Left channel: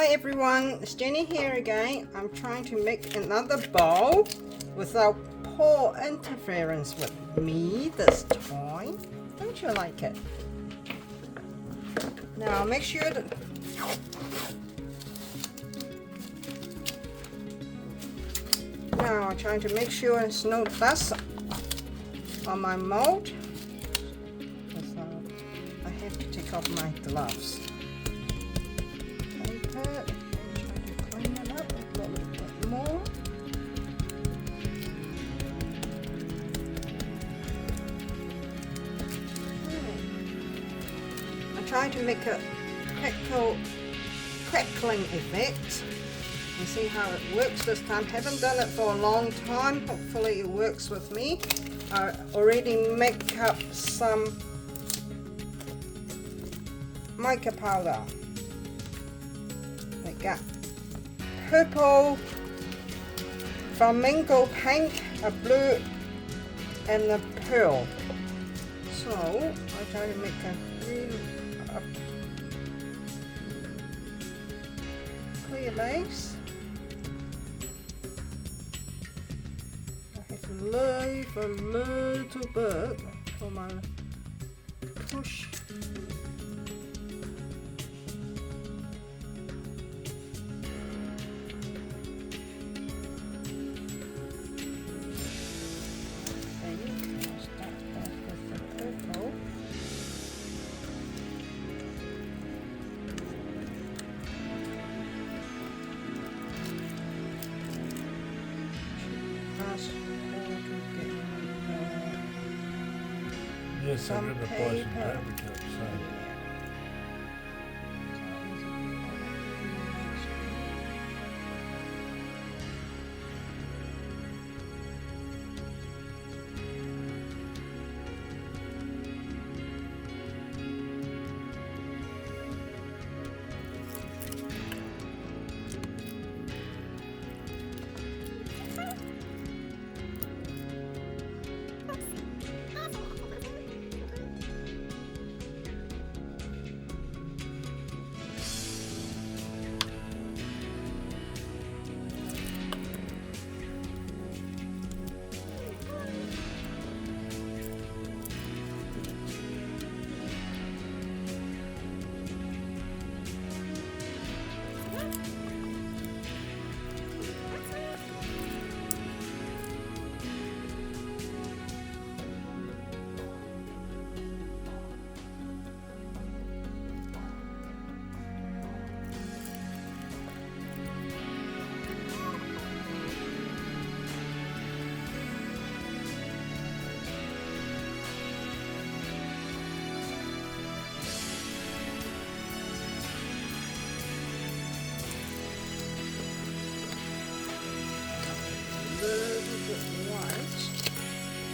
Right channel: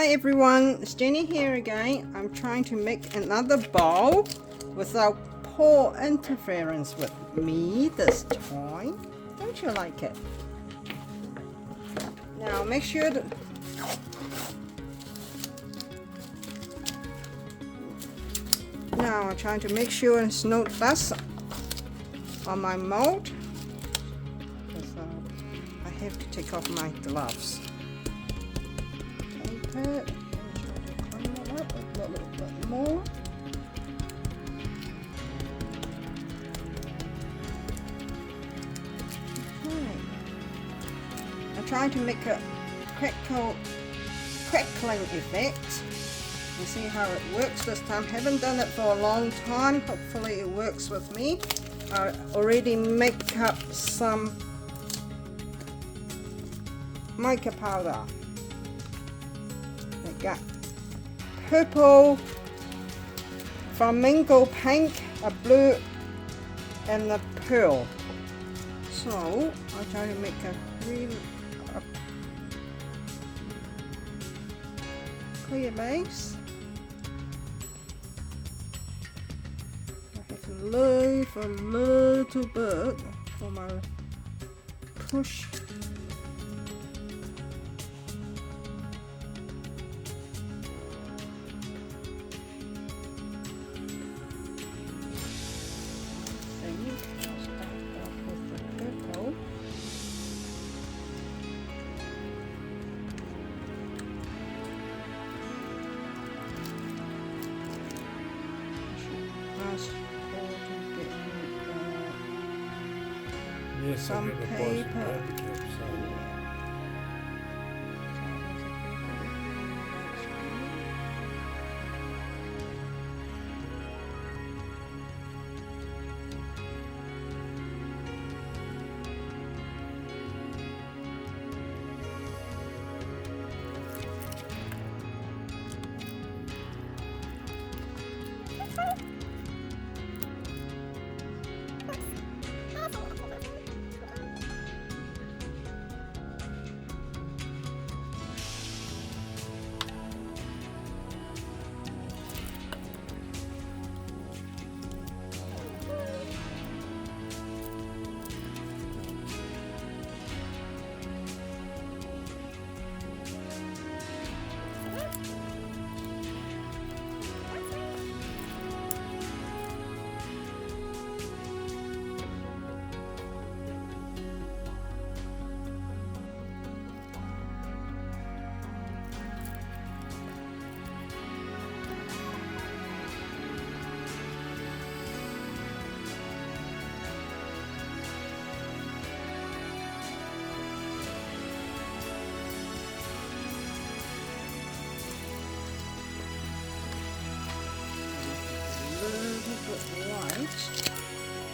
Hi everyone, it's Jenny here again. I'm trying to make another bowl without poor interference with me this time. Don't you like it? Now make sure that now I'm trying to make sure there's no dust on my mold. So I have to take off my gloves. Okay, I'm trying to clean it up a little bit more. I'm trying to make a crackling effect. You see how it works this time. Haven't done it for a long time. Hopefully it works with me. I already make up some mica powder. I got purple, flamingo pink, a blue, and a pearl. So I try to make a really clear base. I have to leave a little bit for my push. Yes, I'm going to buy some paper clips.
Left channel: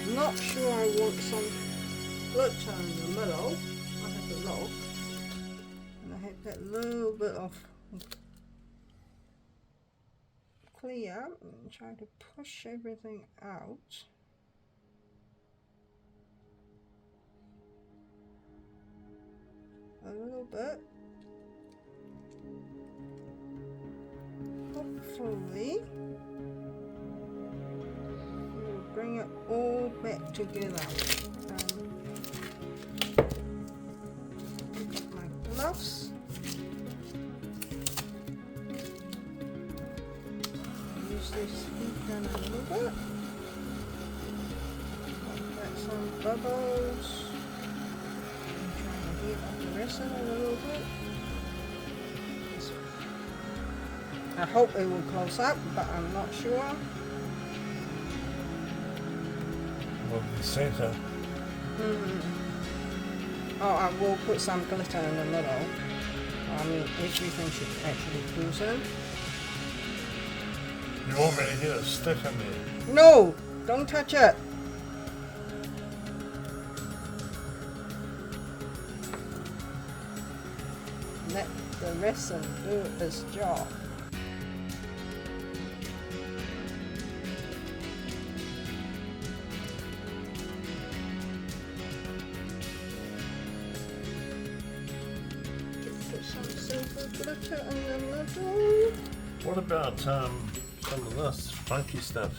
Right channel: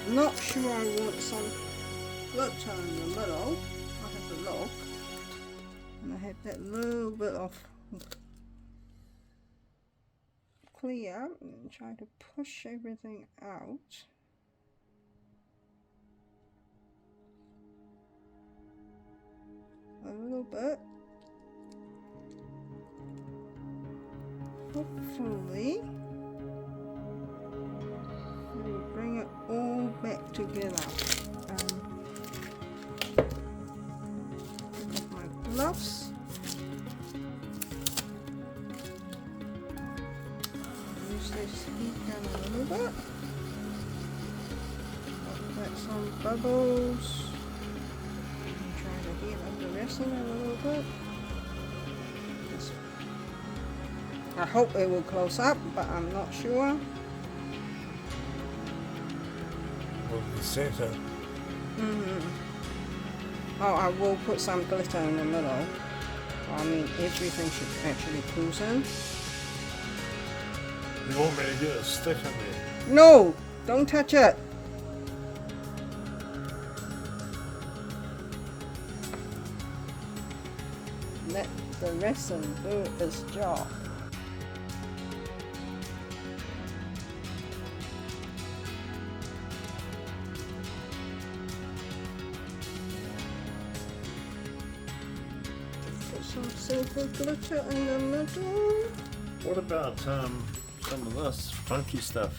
Not sure I want some glitter in the middle. I'll have to look. And I have that little bit of clear and try to push everything out. A little bit. Hopefully bring it all back together. Take off my gloves. Use this heat gun a little bit. Let some bubbles. I'm trying to heat up the resin a little bit. I hope it will close up, but I'm not sure. Well, the center. Oh, I will put some glitter in the middle. I mean, everything should actually cruise in. You want me to get a stick in there? No! Don't touch it! Let the resin do its job. Silver glitter in the middle. What about some of this funky stuff?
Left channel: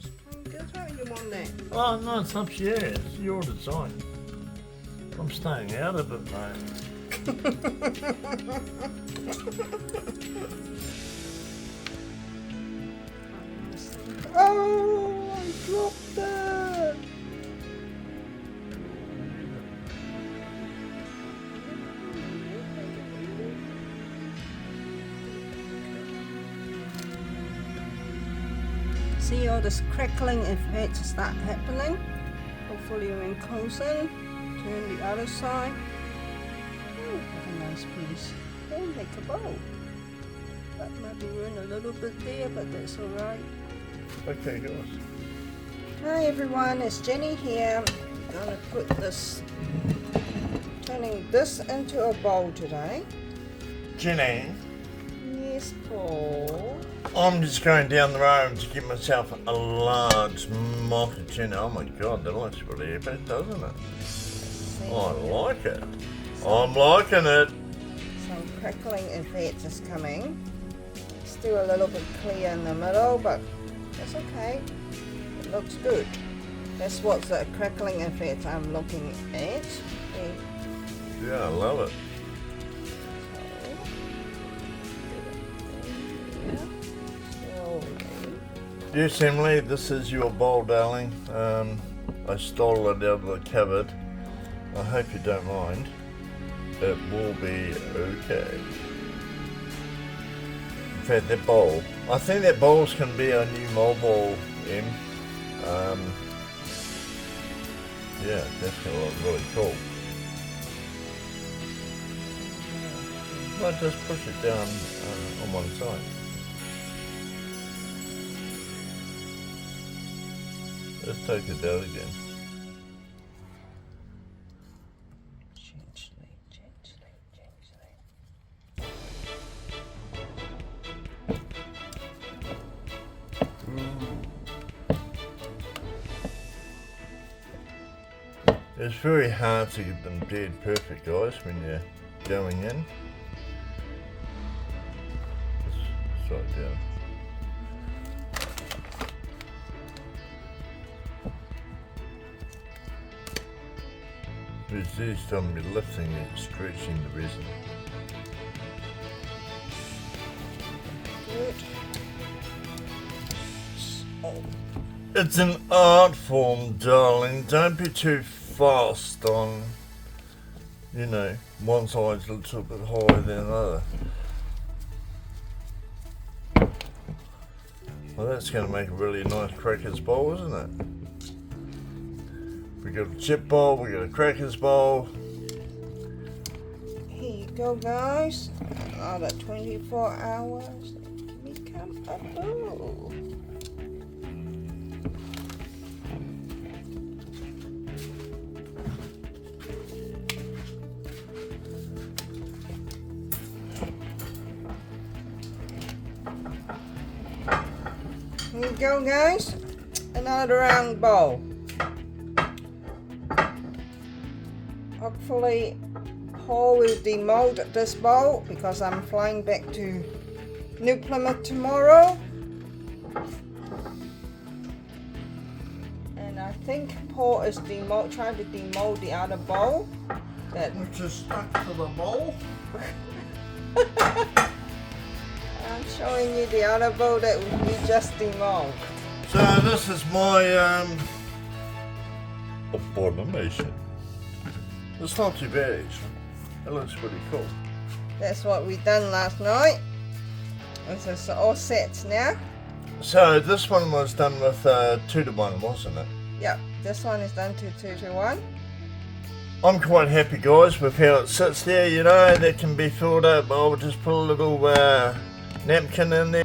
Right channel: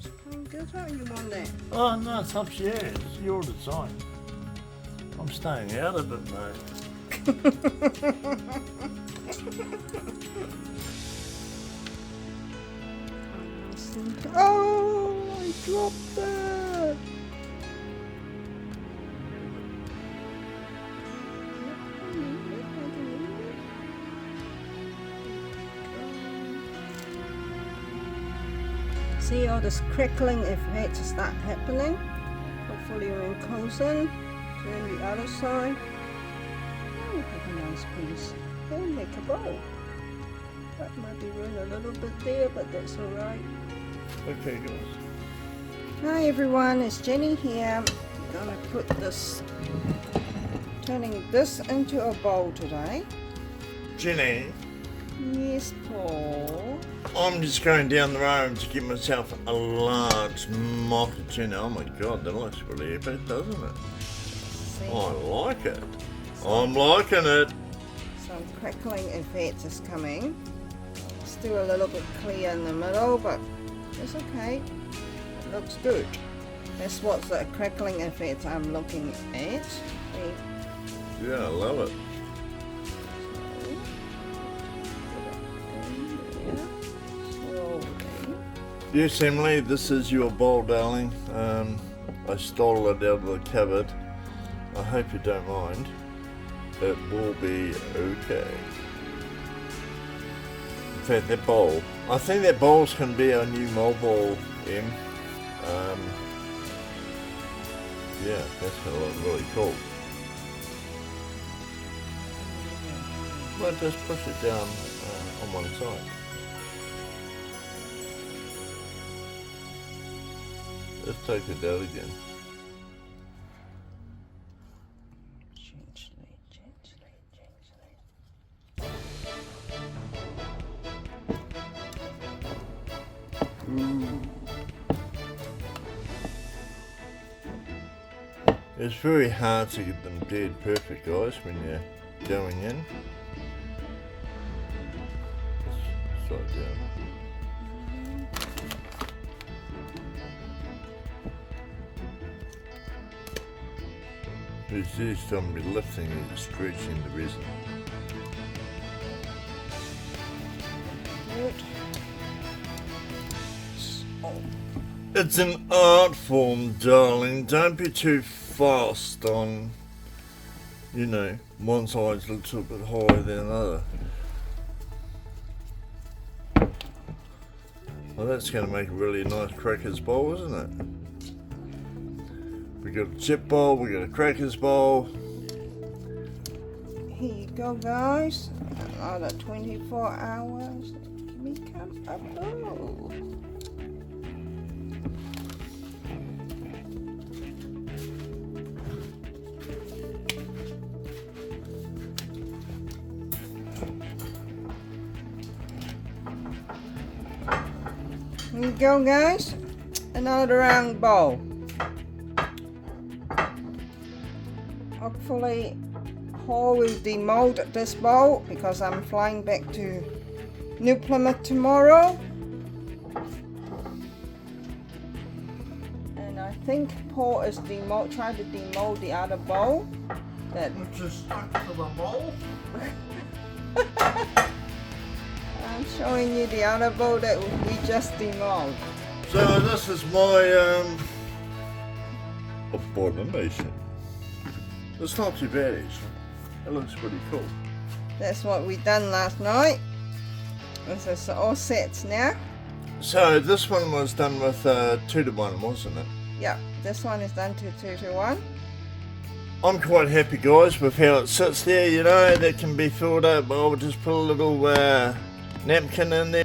Just plain glitter, you want that? Oh no, it's up to you. It's your design. I'm staying out of it, mate. Oh, I dropped that. See all this crackling effect start happening. Hopefully when it comes in, turn the other side. Oh, what a nice piece. We'll make a bowl. That might be ruined a little bit there, but that's alright. Okay, guys. Hi everyone, it's Jenny here. I'm going to put this, turning this into a bowl today. Jenny, Yes, Paul. I'm just going down the road to get myself a large mocha tuna. Oh my god, that looks really epic, doesn't it? See, I like it. I'm liking it. some crackling effect is coming. Still a little bit clear in the middle, but it's okay. It looks good. That's what the crackling effect I'm looking at. See? Yeah, I love it. Yes, Emily, this is your bowl, darling. I stole it out of the cupboard. I hope you don't mind. It will be okay. In fact, that bowl, I think that bowl's can be our new mobile, Em. Yeah, that's gonna look really cool. Well, just push it down on one side. Let's take it out again. Gently, gently, gently. It's very hard to get them dead perfect, guys, when you're going in. Let's try it down. It's just on me lifting and stretching the resin. Good. It's an art form, darling. Don't be too fast on, you know, one side's a little bit higher than another. Well, that's going to make a really nice crackers bowl, isn't it? We got a chip bowl, we got a crackers bowl. Here you go, guys. Another 24 hours. Become a bowl. Here you go, guys. Another round bowl. Hopefully Paul will demold this bowl because I'm flying back to New Plymouth tomorrow. And I think Paul is trying to demold the other bowl. Which is stuck to the bowl. I'm showing you the other bowl that we just demolded. So this is my abomination. It's not too bad actually. It looks pretty cool. That's what we done last night. This is all sets now. So this one was done with 2-to-1, wasn't it? Yep, this one is done to 2-to-1. I'm quite happy, guys, with how it sits there. You know, that can be filled up. I'll just put a little napkin in there.